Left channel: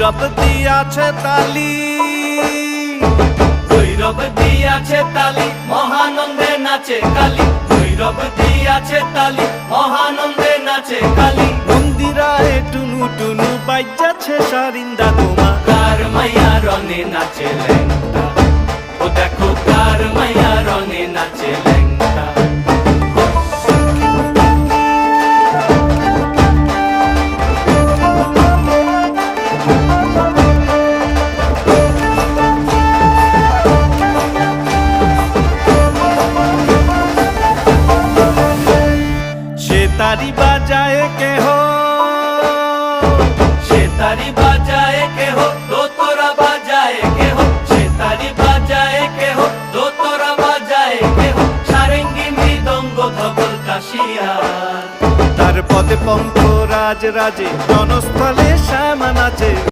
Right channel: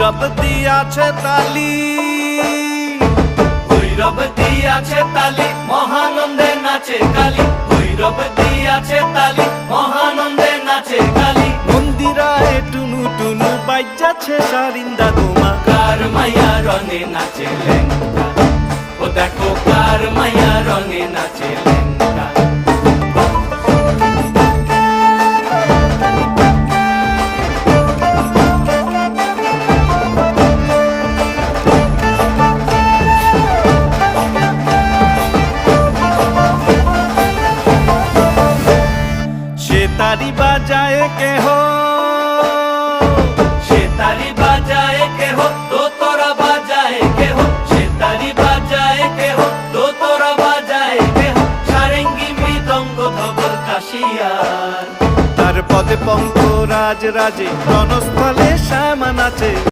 ভৈরব দিয়াছে তালি, ভৈরব দিয়াছে তালি, মহানন্দে নাচে কালী। ভৈরব দিয়াছে তালি, মহানন্দে নাচে কালী। মন্দিরায় টুনু টুনু বাজ্যাছে সারিন্দা গোমা। কার মাইয়া রনে নাচে ল্যাংটা, ও দেখো কার মাইয়া রনে নাচে ল্যাংটা। সে তারি বাজায় কেহ, সে তারি বাজায় কেহ, দোতরা বাজায় কেহ। সে তারি বাজায় কেহ, দোতরা বাজায় কেহ। সারেঙ্গি মৃদঙ্গ ধবল কাশিয়ার। তার পদে পঙ্ক রাজ রাজে, রণস্থলে শ্যামা নাচে।